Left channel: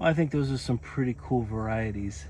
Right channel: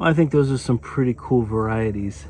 Well, I think those are some pretty cool varieties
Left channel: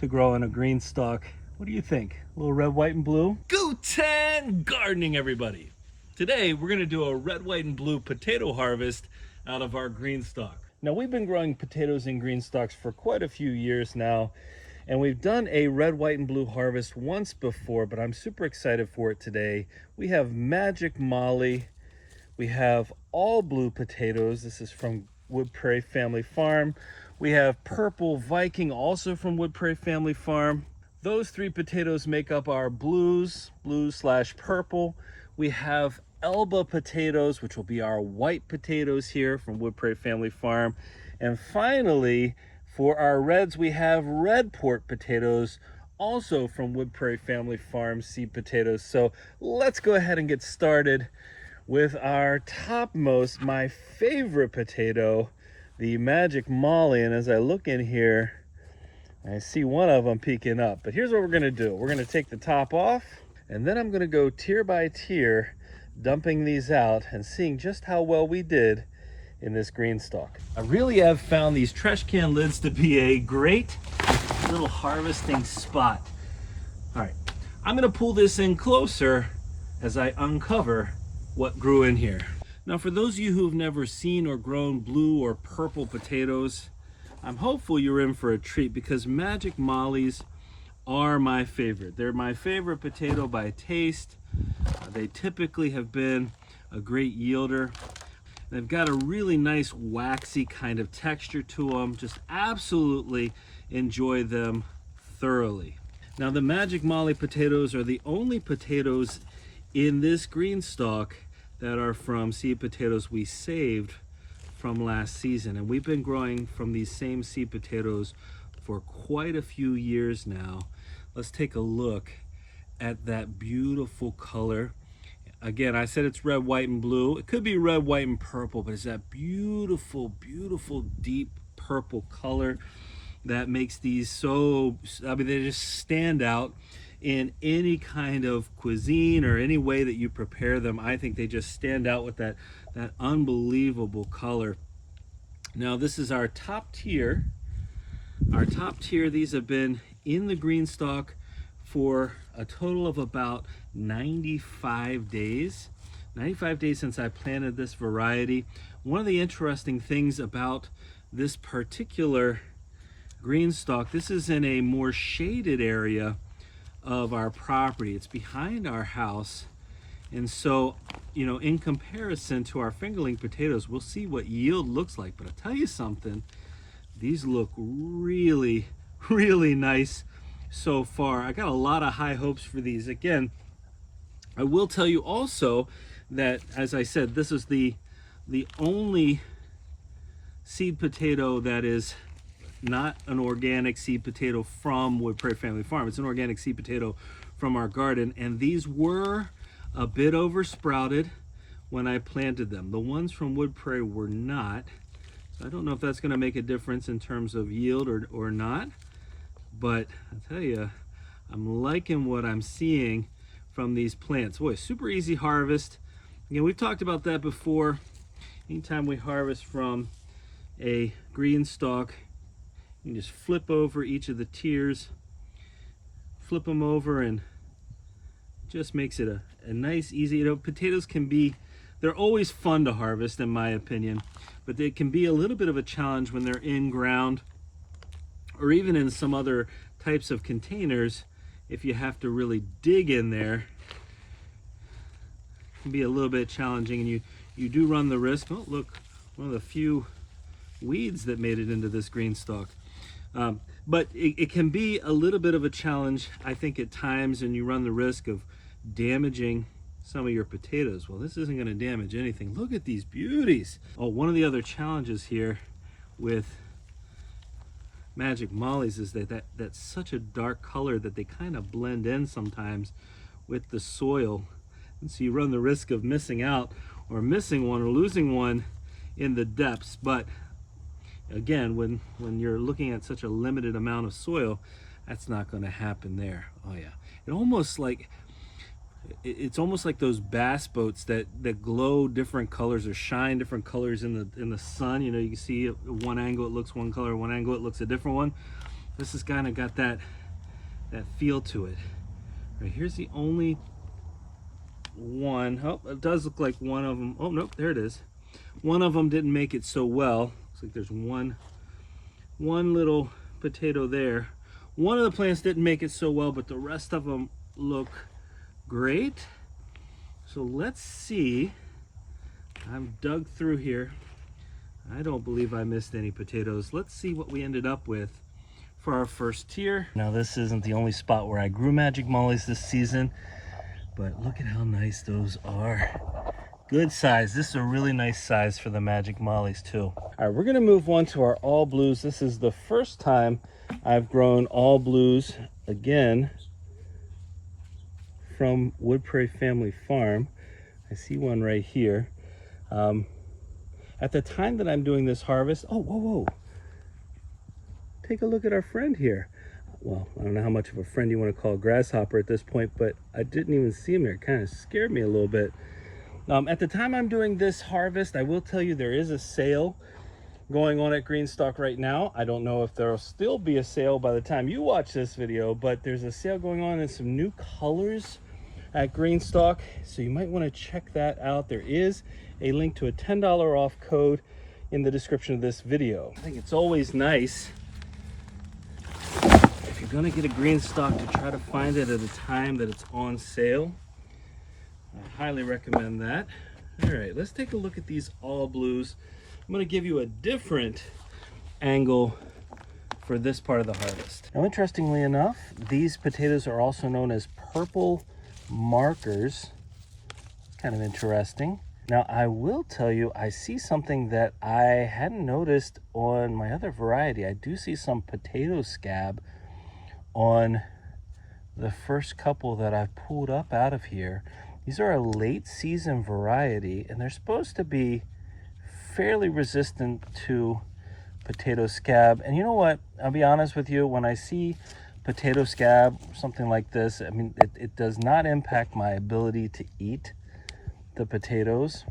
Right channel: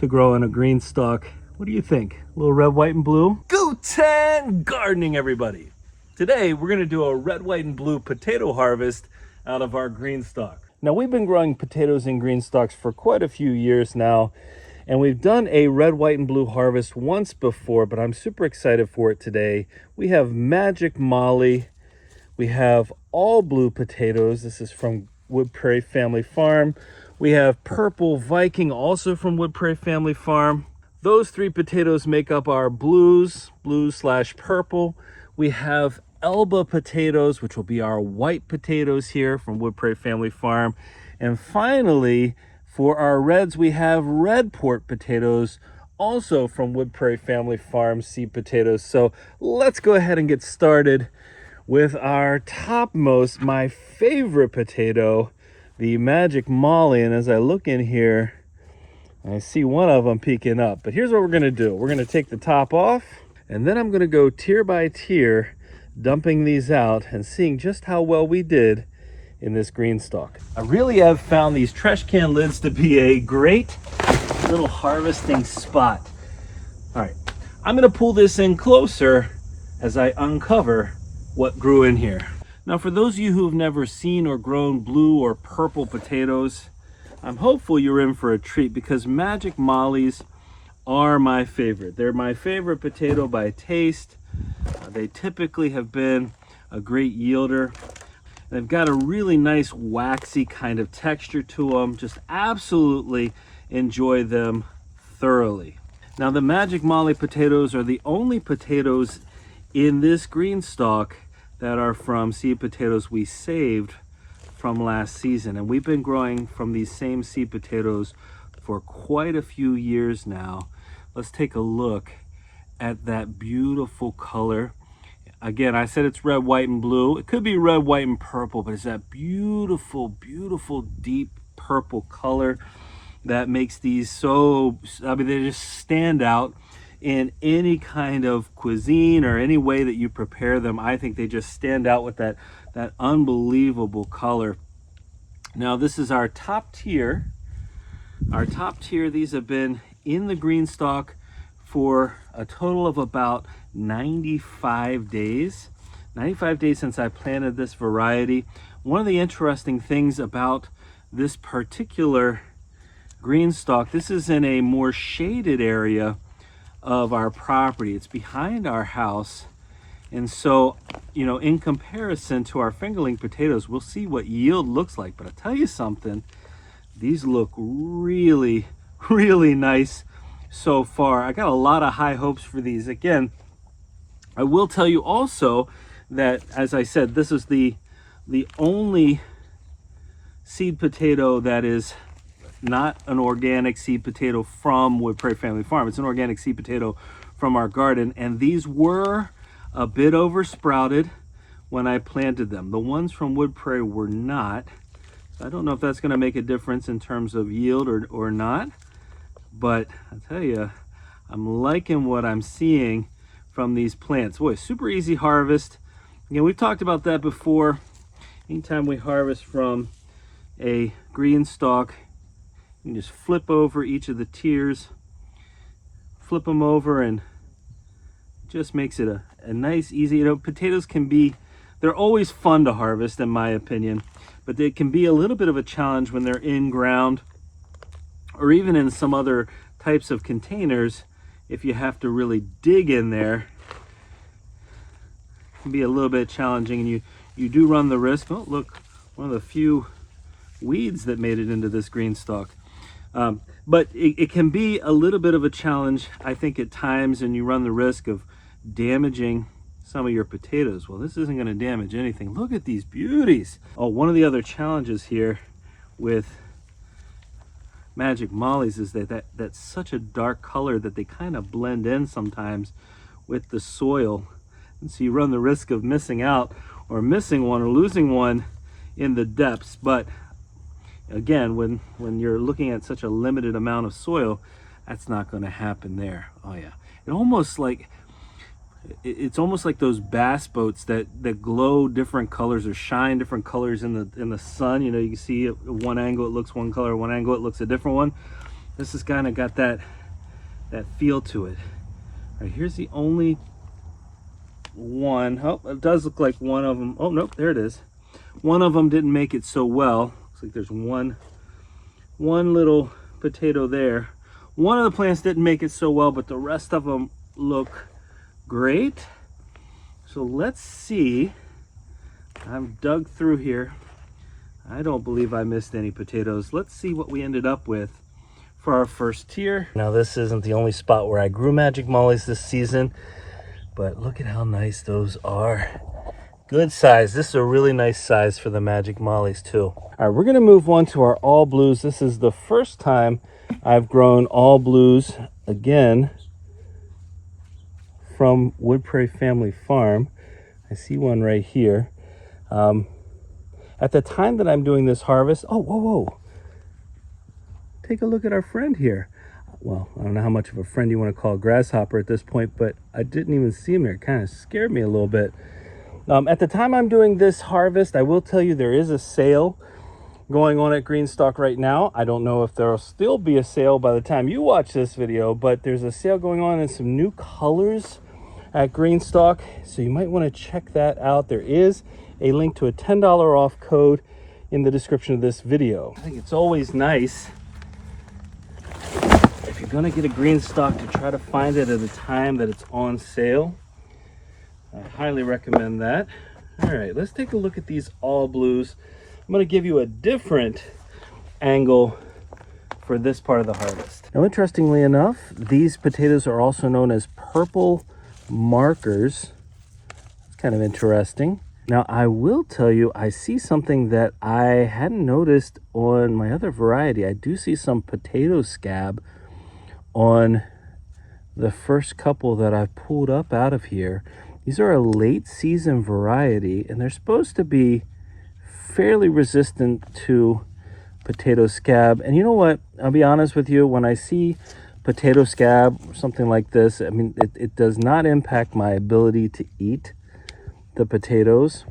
to grow in a green stalk. What do you think? A little red, white, and blue? Guten gardening, everybody. Today, we're gonna do a red, white, and blue potato harvest out of our green stalk. Now, we've been growing potatoes in green stalks for quite a few years now, and we've done a red, white, and blue harvest once before, but I'm super excited for it today. We have Magic Molly. We have all blue potatoes. This is from Wood Prairie Family Farm. We have Purple Viking, also from Wood Prairie Family Farm. Those three potatoes make up our blue/purple. We have Elba potatoes, which will be our white potatoes here from Wood Prairie Family Farm. And finally, for our reds, we have red port potatoes, also from Wood Prairie Family Farm seed potatoes. So let's go ahead and get started with our topmost, my favorite potato, the Magic Molly. And as I look in here, I see one of them peeking up. But here's what we're gonna do. We're gonna take the top off, and then I'm gonna go tier by tier, dumping these out and seeing just how well we did in this green stalk. I really have found these trash can lids to be a great little harvesting spot. All right, I'm gonna pull this in closer as I uncover what grew in here. Now, for those of you who've never seen or grown blue or purple potatoes, I'm hopeful you're in for a treat, because Magic Mollies are my favorite. They're my favorite potato by taste. They typically have been a great yielder. They've got a really nice waxy kind of texture to them. Just absolutely enjoy them thoroughly. Now, the Magic Molly potatoes are the only potatoes in this green stalk that are from seed potatoes we saved from last season. And we've been growing from these same seed potatoes for quite a few years now. Let's take a look at that beautiful color. Again, I said it's red, white, and blue. It could be red, white, and purple, but it's that beautiful, beautiful, deep purple color that makes these so, I mean, they just stand out in any kind of cuisine or any way that you prepare them. I think they just stand out with that unbelievable color. Now, this is our top tier. Our top tier, these have been in the green stalk for a total of about 95 days. 95 days since I planted this variety. One of the interesting things about this particular green stalk, this is in a more shaded area of our property. It's behind our house. And so, you know, in comparison to our fingerling potatoes, we'll see what yield looks like. But I'll tell you something, these look really, really nice so far. I got a lot of high hopes for these. Again, I will tell you also that, as I said, this is the only seed potato that is not an organic seed potato from Wood Prairie Family Farm. It's an organic seed potato from our garden, and these were a bit oversprouted when I planted them. The ones from Wood Prairie were not. So I don't know if that's going to make a difference in terms of yield or not, but I tell you, I'm liking what I'm seeing from these plants. Boy, super easy harvest. Again, we've talked about that before. Anytime we harvest from a green stalk, you can just flip over each of the tiers, flip them over, and just makes it a nice, easy, you know, potatoes can be, they're always fun to harvest in my opinion, but they can be a little bit of a challenge when they're in ground or even in some other types of containers. If you have to really dig in there, it can be a little bit challenging, and you do run the risk. Oh, look, one of the few weeds that made it into this green stalk. But it can be a little bit of a challenge, I think, at times, and you run the risk of damaging some of your potatoes. Well, this isn't going to damage anything. Look at these beauties. Oh, one of the other challenges here with Magic Mollies is that that's such a dark color that they kind of blend in sometimes with the soil. And so you run the risk of missing out or missing one or losing one in the depths. But again, when you're looking at such a limited amount of soil, that's not going to happen there. Oh yeah, it almost like, It's almost like those bass boats that glow different colors or shine different colors in the sun. You know, you can see at one angle it looks one color, one angle it looks a different one. This has kind of got that feel to it. All right, here's the only one. Oh, it does look like one of them. Oh, nope, there it is. One of them didn't make it so well. Looks like there's one little potato there. One of the plants didn't make it so well, but the rest of them look great. So let's see. I've dug through here. I don't believe I missed any potatoes. Let's see what we ended up with for our first tier. Now, this isn't the only spot where I grew magic mollies this season, but look at how nice those are. Good size. This is a really nice size for the magic mollies too. All right, we're gonna move on to our all blues. This is the first time I've grown all blues again from Wood Prairie Family Farm. I see one right here. At the time that I'm doing this harvest, oh, whoa. Take a look at our friend here. Well, I don't know how much of a friend you want to call a grasshopper at this point, but I didn't even see him there. It kind of scared me a little bit. At the time I'm doing this harvest, I will tell you there is a sale going on at GreenStalk right now. I don't know if there'll still be a sale by the time you watch this video, but there's a sale going on in some new colors at GreenStalk, so you might want to check that out. There is a link to a $10 off code in the description of this video. I think it's always nice if you're going to get a GreenStalk to try to find it at a time that it's on sale. I highly recommend that. All right, let's take a look at these all blues. I'm going to give you a different angle for this part of the harvest. Now, interestingly enough, these potatoes are also known as purple markers. It's kind of interesting. Now, I will tell you, I see something that I hadn't noticed on my other variety. I do see some potato scab on the first couple that I've pulled up out of here. These are a late season variety, and they're supposed to be fairly resistant to potato scab. And you know what? I'll be honest with you, when I see potato scab or something like this, I mean, it does not impact my ability to eat the potatoes.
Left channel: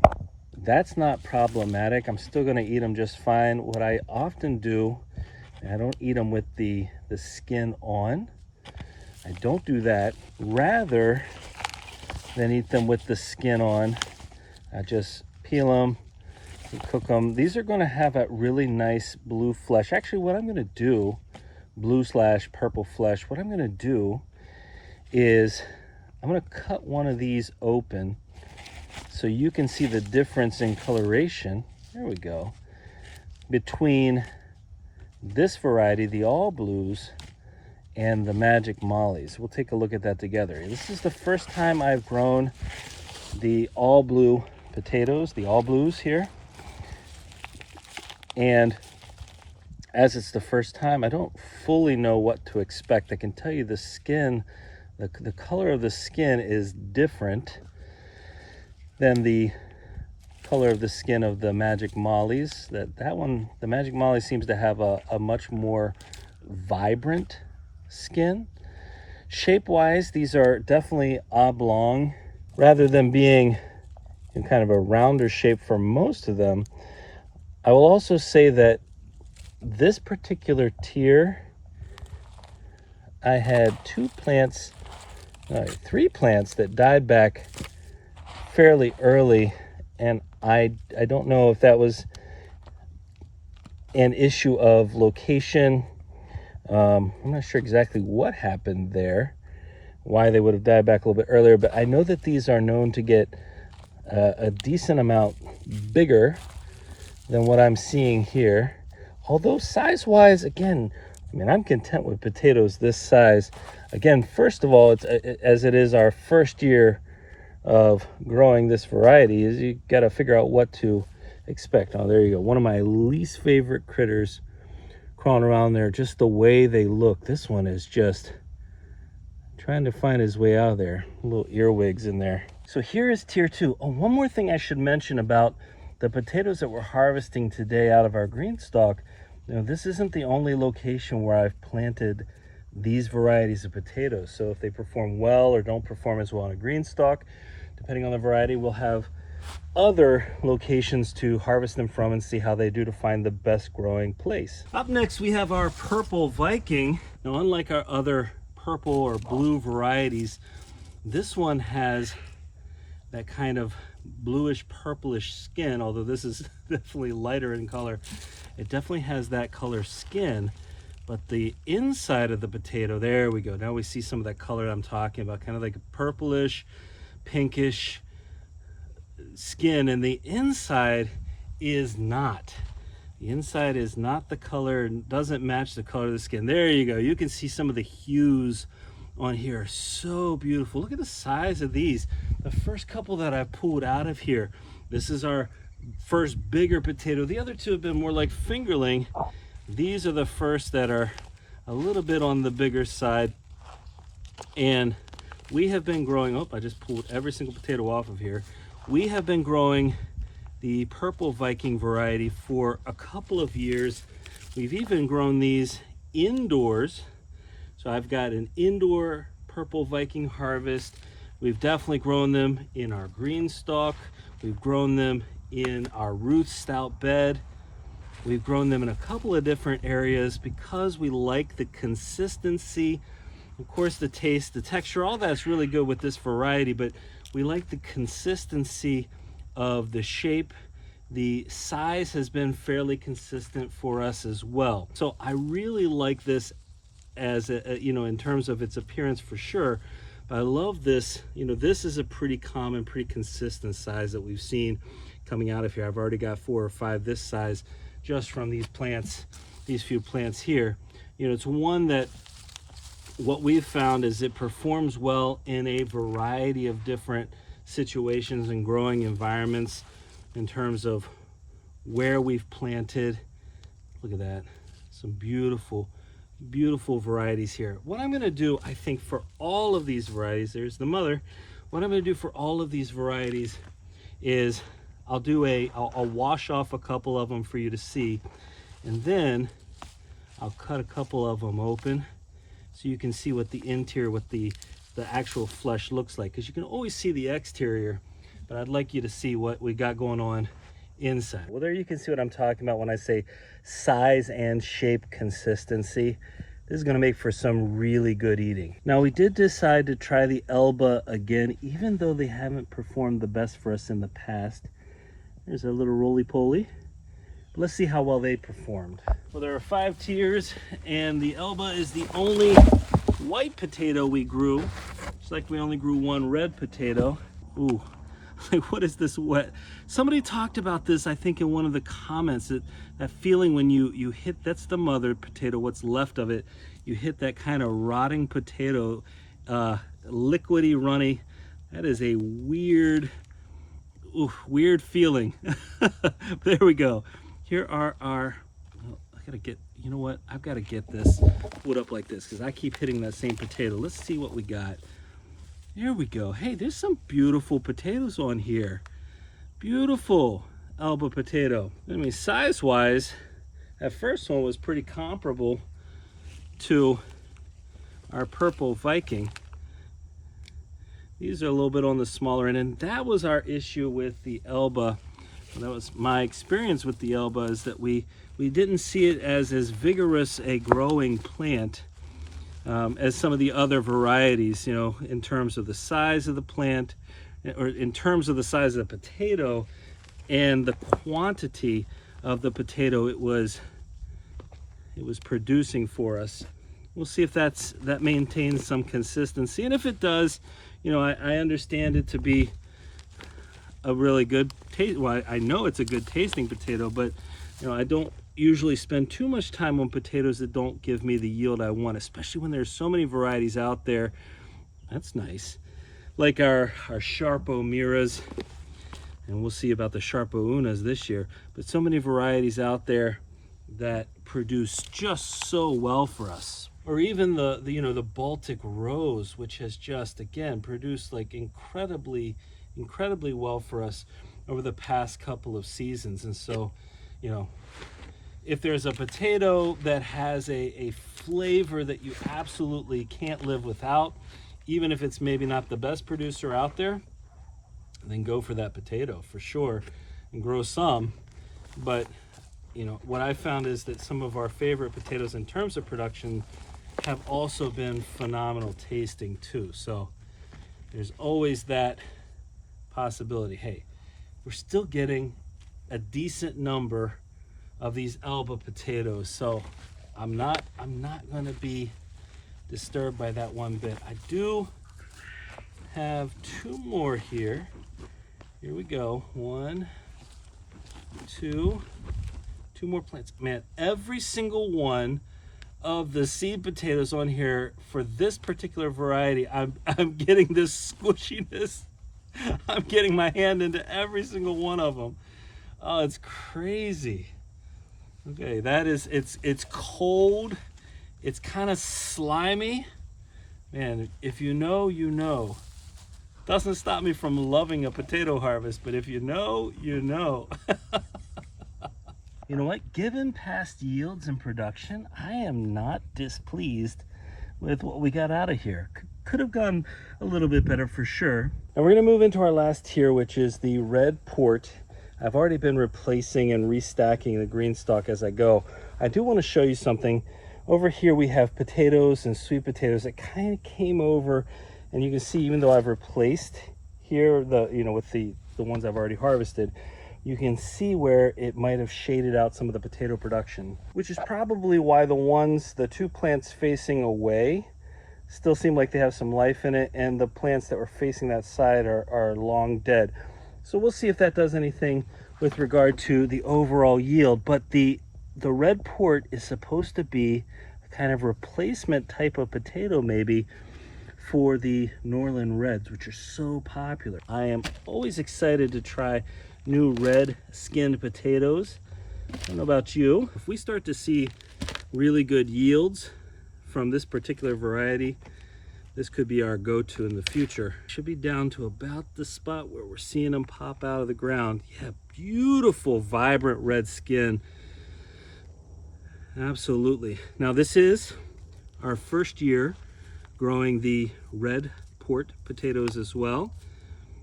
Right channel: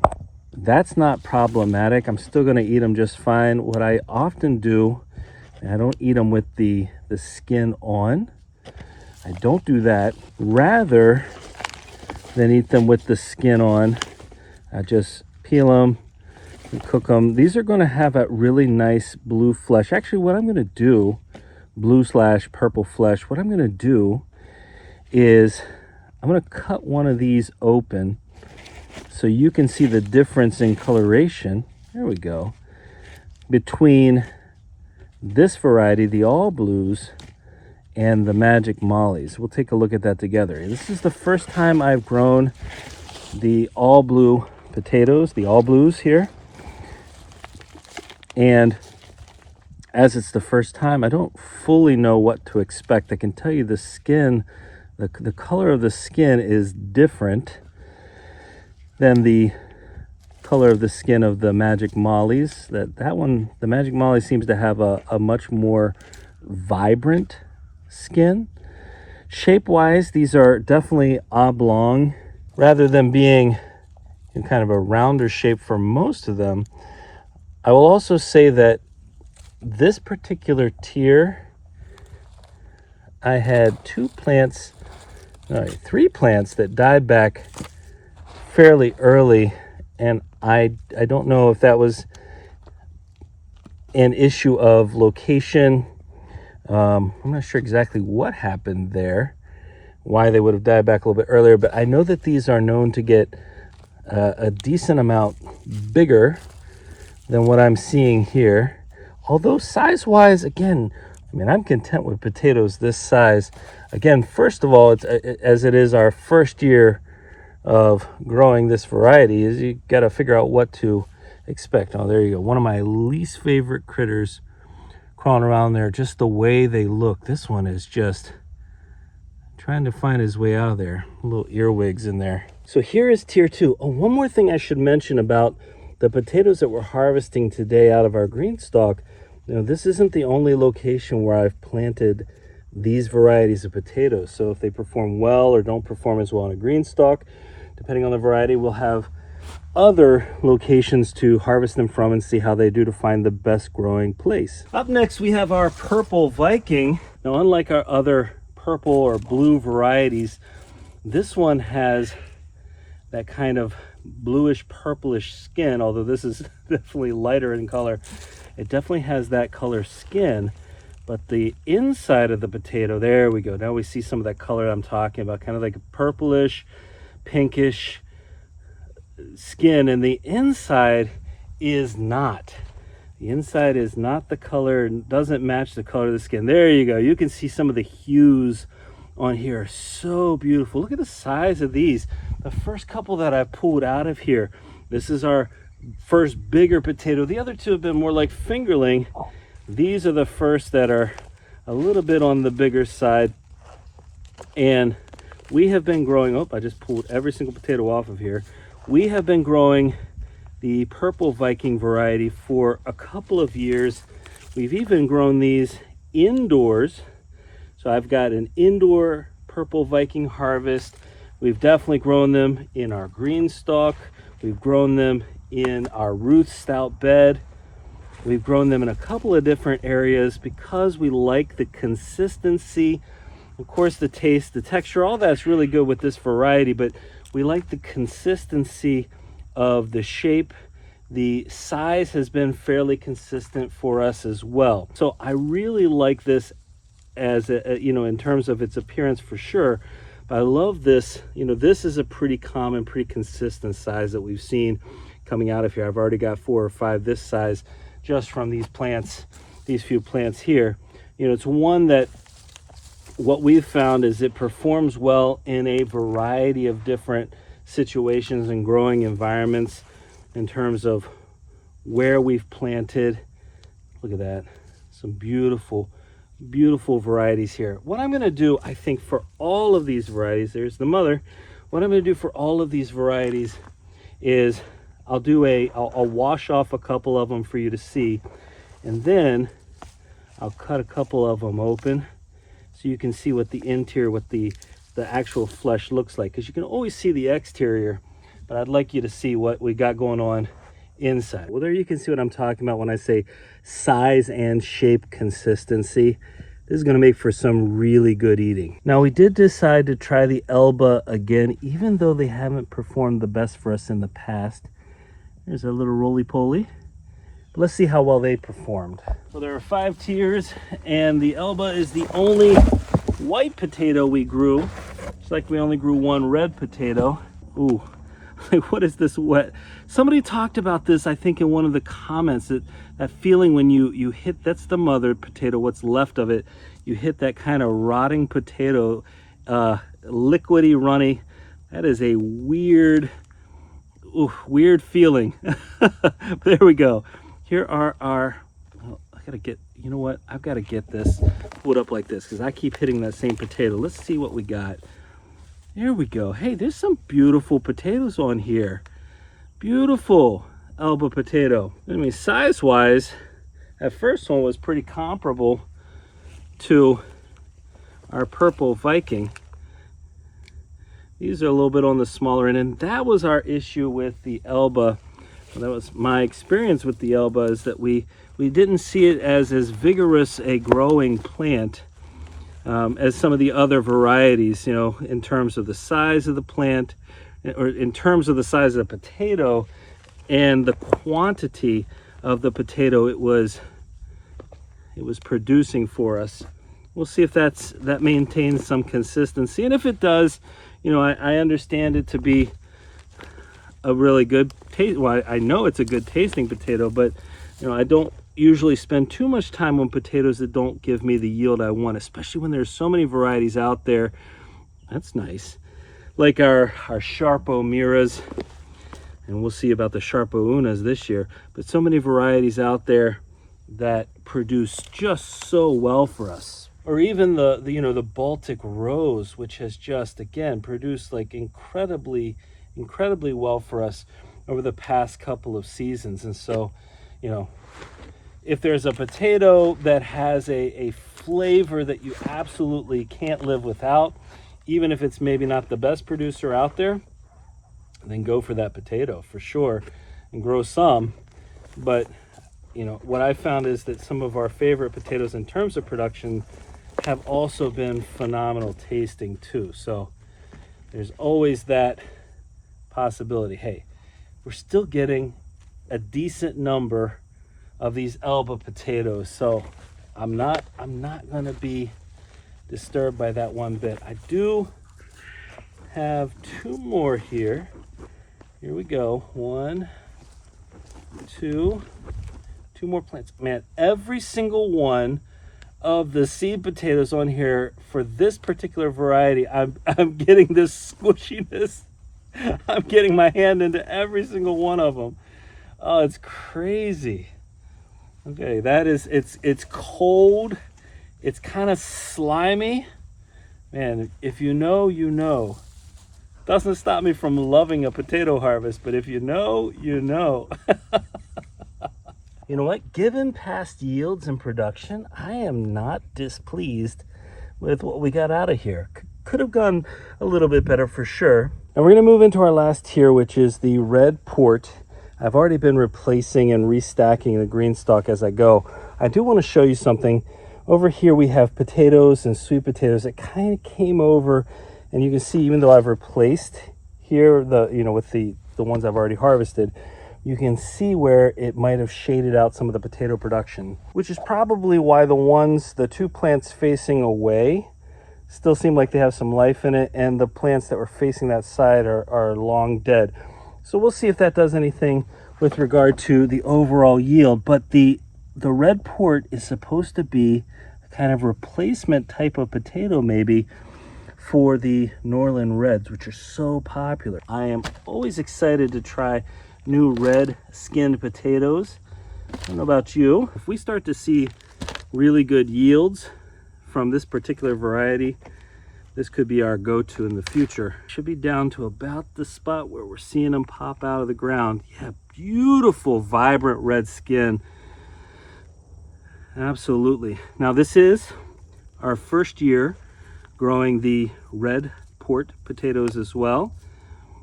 That's not problematic. I'm still going to eat them just fine. What I often do, I don't eat them with the skin on. I don't do that. Rather than eat them with the skin on, I just peel them and cook them. These are going to have a really nice blue flesh. Actually, what I'm going to do, blue/purple flesh, what I'm going to do is I'm going to cut one of these open so you can see the difference in coloration. There we go. Between this variety, the all blues, and the magic mollies. We'll take a look at that together. This is the first time I've grown the all blue potatoes, the all blues here. And as it's the first time, I don't fully know what to expect. I can tell you the skin, the color of the skin is different than the color of the skin of the magic mollies. That one, the magic molly, seems to have a much more vibrant skin. Shape-wise, these are definitely oblong rather than being kind of a rounder shape for most of them. I will also say that this particular tier, I had three plants that died back fairly early, and I don't know if that was an issue of location. I'm not sure exactly what happened there, why they would have died back a little bit earlier, but I know that these are known to get a decent amount bigger than what I'm seeing here. Although size-wise, again, I mean, I'm content with potatoes this size. Again, first of all, as it is our first year of growing this variety, is you got to figure out what to expect. Oh, there you go. One of my least favorite critters crawling around there, just the way they look. This one is just trying to find his way out of there. Little earwigs in there. So here is tier 2. Oh, one more thing I should mention about the potatoes that we're harvesting today out of our GreenStalk. Now, this isn't the only location where I've planted these varieties of potatoes. So if they perform well or don't perform as well in a GreenStalk, depending on the variety, we'll have other locations to harvest them from and see how they do to find the best growing place. Up next, we have our purple Viking. Now, unlike our other purple or blue varieties, this one has that kind of bluish purplish skin, although this is definitely lighter in color. It definitely has that color skin, but the inside of the potato, there we go. Now we see some of that color I'm talking about, kind of like a purplish, pinkish skin, and the inside is not. The inside is not the color, doesn't match the color of the skin. There you go. You can see some of the hues on here are so beautiful. Look at the size of these. The first couple that I pulled out of here, this is our first bigger potato. The other two have been more like fingerling. These are the first that are a little bit on the bigger side. And we have been growing, oh, I just pulled every single potato off of here. We have been growing the purple Viking variety for a couple of years. We've even grown these indoors. So I've got an indoor purple Viking harvest. We've definitely grown them in our GreenStalk. We've grown them in our Ruth Stout bed. We've grown them in a couple of different areas because we like the consistency. Of course, the taste, the texture, all that's really good with this variety, but we like the consistency of the shape. The size has been fairly consistent for us as well. So I really like this as in terms of its appearance for sure. But I love this, this is a pretty common, pretty consistent size that we've seen coming out of here. I've already got 4 or 5 this size just from these plants, these few plants here. It's one that what we've found is it performs well in a variety of different situations and growing environments in terms of where we've planted. Look at that, some beautiful varieties here. What I'm going to do, I think, for all of these varieties, there's the mother. What I'm going to do for all of these varieties is I'll wash off a couple of them for you to see, and then I'll cut a couple of them open so you can see what the interior, what the actual flesh looks like, because you can always see the exterior, but I'd like you to see what we got going on inside. Well, there you can see what I'm talking about when I say size and shape consistency. This is going to make for some really good eating. Now, we did decide to try the Elba again, even though they haven't performed the best for us in the past. There's a little roly-poly. Let's see how well they performed. So there are 5 tiers, and the Elba is the only white potato we grew. It's like we only grew 1 red potato. Ooh, like, what is this wet? Somebody talked about this, I think, in one of the comments, that feeling when you hit, that's the mother potato, what's left of it, you hit that kind of rotting potato, liquidy, runny. That is a weird feeling. There we go. Here are our, I gotta get, you know what? I've got to get this put up like this because I keep hitting that same potato. Let's see what we got. There we go. Hey, there's some beautiful potatoes on here. Beautiful Elba potato. I mean, size-wise, that first one was pretty comparable to our purple Viking. These are a little bit on the smaller end, and that was our issue with the Elba. That was my experience with the Elba, is that we didn't see it as vigorous a growing plant as some of the other varieties, in terms of the size of the plant, or in terms of the size of the potato and the quantity of the potato it was producing for us. We'll see if that maintains some consistency, and if it does, I understand it to be a really good taste. Well, I know it's a good tasting potato, but I don't usually spend too much time on potatoes that don't give me the yield I want, especially when there's so many varieties out there. That's nice, like our Sharpo Miras, and we'll see about the Sharpo Unas this year, but so many varieties out there that produce just so well for us. Or even the Baltic Rose, which has just, again, produced like incredibly well for us over the past couple of seasons. And so, if there's a potato that has a flavor that you absolutely can't live without, even if it's maybe not the best producer out there, then go for that potato for sure and grow some. But you know, what I found is that some of our favorite potatoes in terms of production have also been phenomenal tasting too. So there's always that possibility. Hey, we're still getting a decent number of these elba potatoes, so I'm not going to be disturbed by that one bit. I do have two more here. Here we go. One, two more plants. Man, every single one of the seed potatoes on here for this particular variety, I'm getting this squishiness. I'm getting my hand into every single one of them. Oh, it's crazy. Okay, that is, it's cold. It's kind of slimy. Man, if you know, you know. Doesn't stop me from loving a potato harvest, but if you know, you know. You know what? Given past yields and production, I am not displeased with what we got out of here. Could have gone a little bit better for sure. And we're going to move into our last tier, which is the red port. I've already been replacing and restacking the GreenStalk as I go. I do want to show you something. Over here we have potatoes and sweet potatoes that kind of came over, and you can see even though I've replaced here with the ones I've already harvested, you can see where it might have shaded out some of the potato production, which is probably why the two plants facing away still seem like they have some life in it, and the plants that were facing that side are long dead. So we'll see if that does anything with regard to the overall yield. But the red port is supposed to be a kind of replacement type of potato maybe for the Norland Reds, which are so popular. I am always excited to try new red skinned potatoes. I don't know about you. If we start to see really good yields from this particular variety, this could be our go-to in the future. Should be down to about the spot where we're seeing them pop out of the ground. Yeah, beautiful, vibrant red skin. Absolutely. Now this is our first year growing the red port potatoes as well.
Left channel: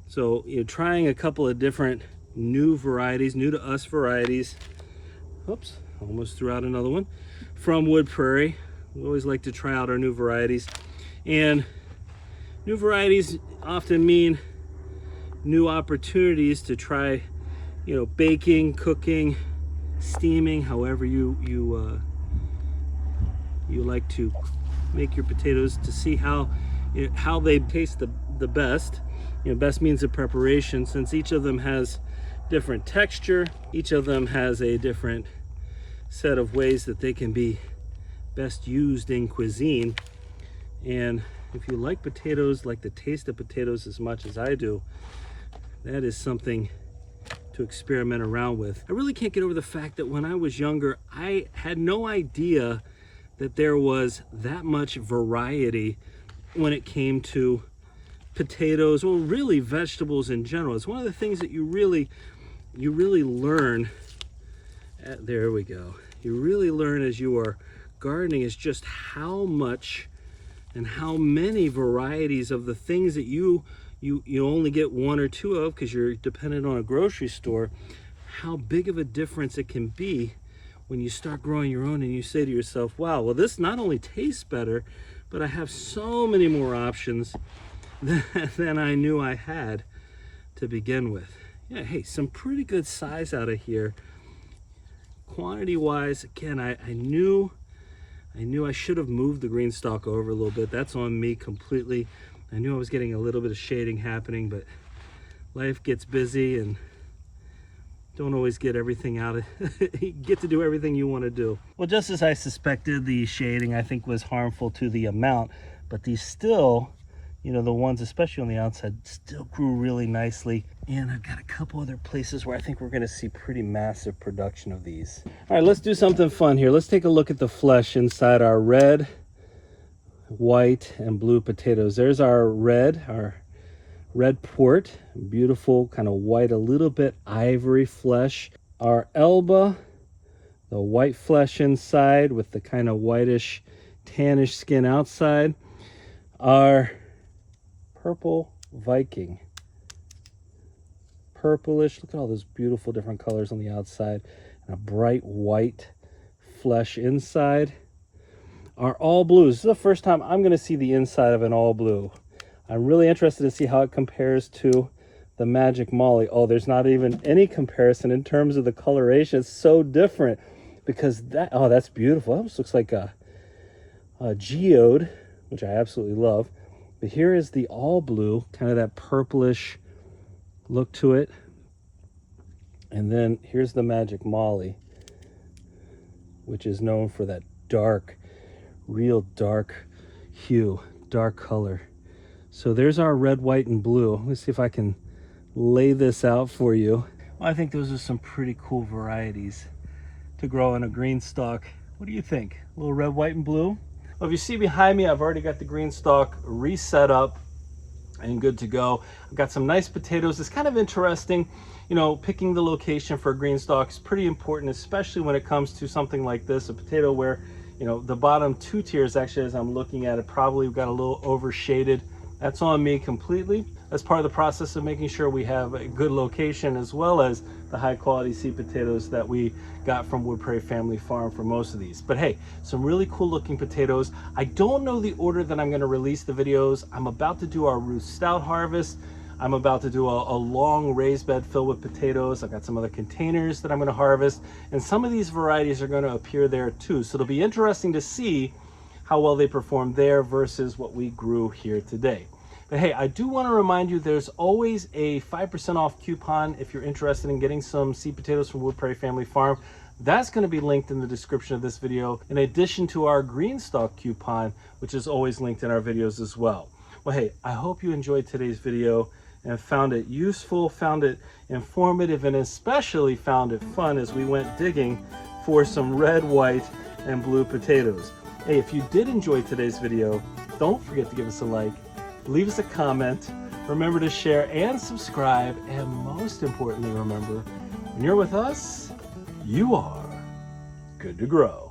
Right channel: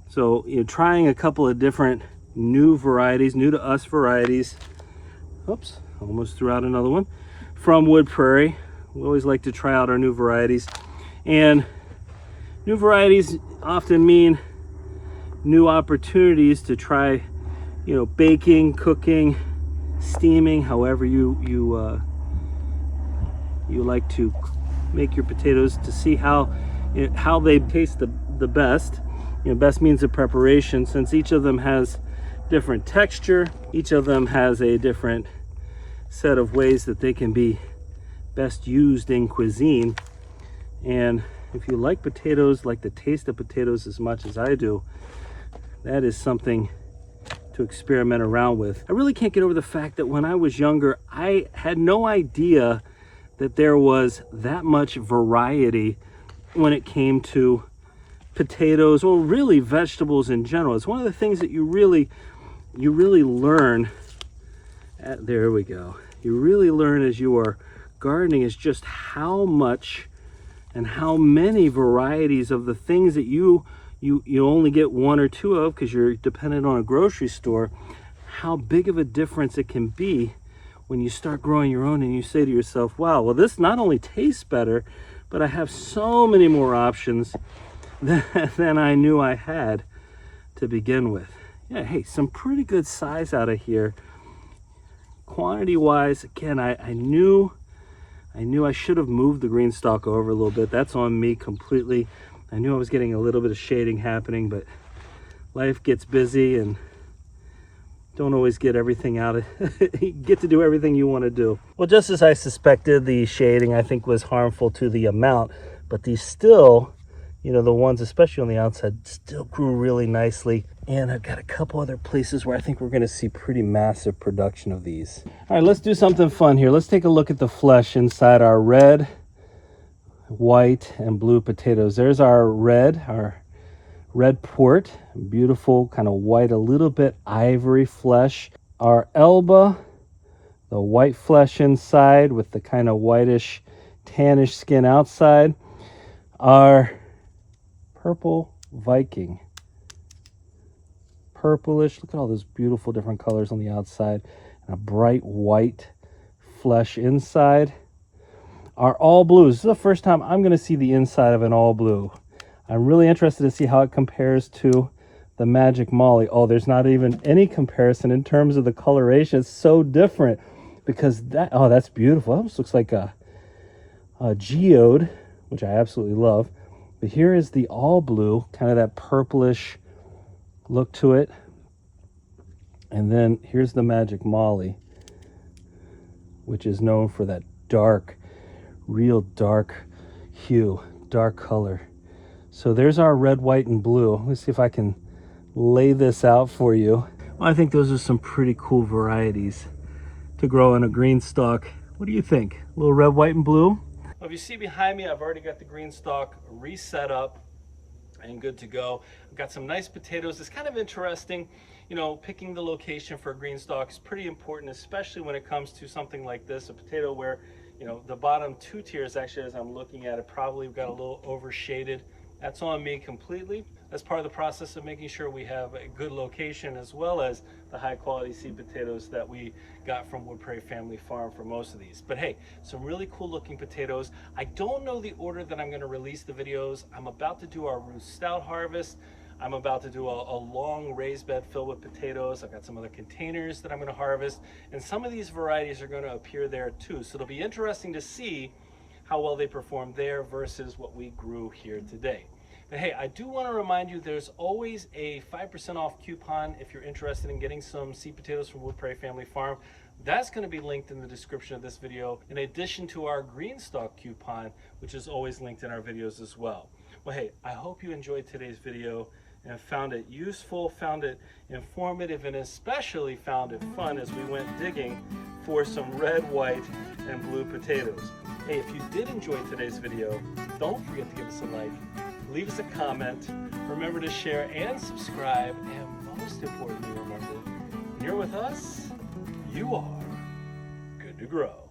So you're trying a couple of different new varieties, new to us varieties. Oops, almost threw out another one. From Wood Prairie. We always like to try out our new varieties. And new varieties often mean new opportunities to try, baking, cooking, steaming, however you like to make your potatoes, to see how they taste the best. Best means of preparation, since each of them has different texture, each of them has a different set of ways that they can be best used in cuisine. And if you like potatoes, like the taste of potatoes as much as I do, that is something to experiment around with. I really can't get over the fact that when I was younger, I had no idea that there was that much variety when it came to potatoes, or really vegetables in general. It's one of the things that you really learn there we go. You really learn as you are gardening, is just how much and how many varieties of the things that you only get one or two of because you're dependent on a grocery store, how big of a difference it can be when you start growing your own and you say to yourself, wow, well, this not only tastes better, but I have so many more options than I knew I had to begin with. Yeah, hey, some pretty good size out of here. Quantity wise, again, I knew I should have moved the GreenStalk over a little bit. That's on me completely. I knew I was getting a little bit of shading happening, but life gets busy and don't always get everything out of you get to do everything you want to do. Well, just as I suspected, the shading I think was harmful to the amount, but these still, the ones especially on the outside, still grew really nicely. And I've got a couple other places where I think we're going to see pretty massive production of these. All right, let's do something fun here. Let's take a look at the flesh inside our red, white, and blue potatoes. There's our red port, beautiful kind of white, a little bit ivory flesh. Our elba, The white flesh inside with the kind of whitish, tannish skin outside. Our purple Viking. Purplish, look at all those beautiful different colors on the outside, and a bright white flesh inside. Our all blues. This is the first time I'm going to see the inside of an all blue. I'm really interested to see how it compares to the Magic Molly. Oh, there's not even any comparison in terms of the coloration. It's so different because that, oh, that's beautiful. It almost looks like a geode, which I absolutely love. But here is the all blue, kind of that purplish look to it. And then here's the Magic Molly, which is known for that dark, real dark hue, dark color. So there's our red, white, and blue. Let's see if I can lay this out for you. Well, I think those are some pretty cool varieties to grow on a GreenStalk. What do you think? A little red, white, and blue? Well, if you see behind me, I've already got the GreenStalk reset up and good to go. I've got some nice potatoes. It's kind of interesting, you know, picking the location for a GreenStalk is pretty important, especially when it comes to something like this, a potato where, you know, the bottom two tiers, actually, as I'm looking at it, probably got a little overshaded. That's on me completely. That's part of the process of making sure we have a good location, as well as the high quality seed potatoes that we got from Wood Prairie Family Farm for most of these. But hey, some really cool looking potatoes. I don't know the order that I'm going to release the videos. I'm about to do our Ruth Stout harvest. I'm about to do a long raised bed filled with potatoes. I've got some other containers that I'm going to harvest, and some of these varieties are going to appear there too. So it'll be interesting to see how well they perform there versus what we grew here today. But hey, I do want to remind you there's always a 5% off coupon if you're interested in getting some seed potatoes from Wood Prairie Family Farm. That's going to be linked in the description of this video, in addition to our GreenStalk coupon, which is always linked in our videos as well. Well, hey, I hope you enjoyed today's video and found it useful, found it informative, and especially found it fun as we went digging for some red, white, and blue potatoes. Hey, if you did enjoy today's video, don't forget to give us a like, leave us a comment, remember to share and subscribe, and most importantly, remember, when you're with us, you are good to grow.